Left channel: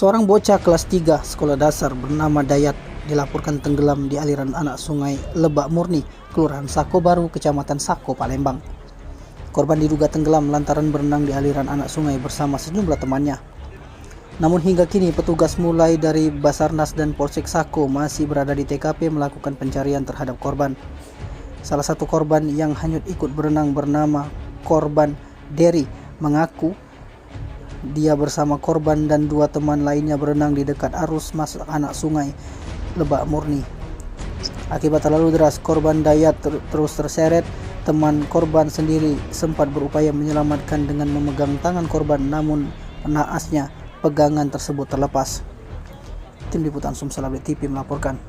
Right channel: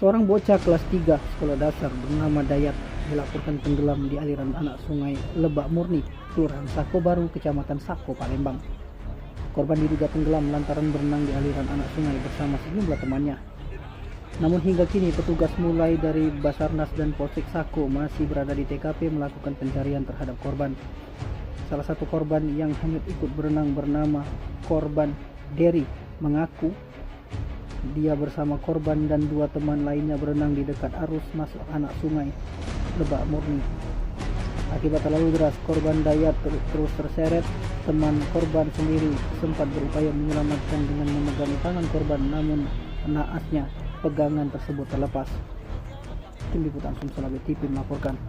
Seorang bocah kelas 3 sekolah dasar bernama Dayat dilaporkan tenggelam di aliran anak sungai Lebak Murni, Kelurahan Sako Baru, Kecamatan Sako, Palembang. Korban diduga tenggelam lantaran berenang di aliran anak sungai bersama sejumlah temannya. Namun hingga kini petugas mulai dari Basarnas dan Polsek Sako masih berada di TKP melakukan pencarian terhadap korban. Salah satu korban yang hanyut ikut berenang bernama korban Derry mengaku dia bersama korban dan dua teman lainnya berenang di dekat arus masuk anak sungai Lebak Murni. Akibat terlalu deras, korban Dayat terus terseret. Teman korban sendiri sempat berupaya menyelamatkan dengan memegang tangan korban, namun naasnya pegangan tersebut terlepas. Tim Liputan Sumsel Update TV melaporkan.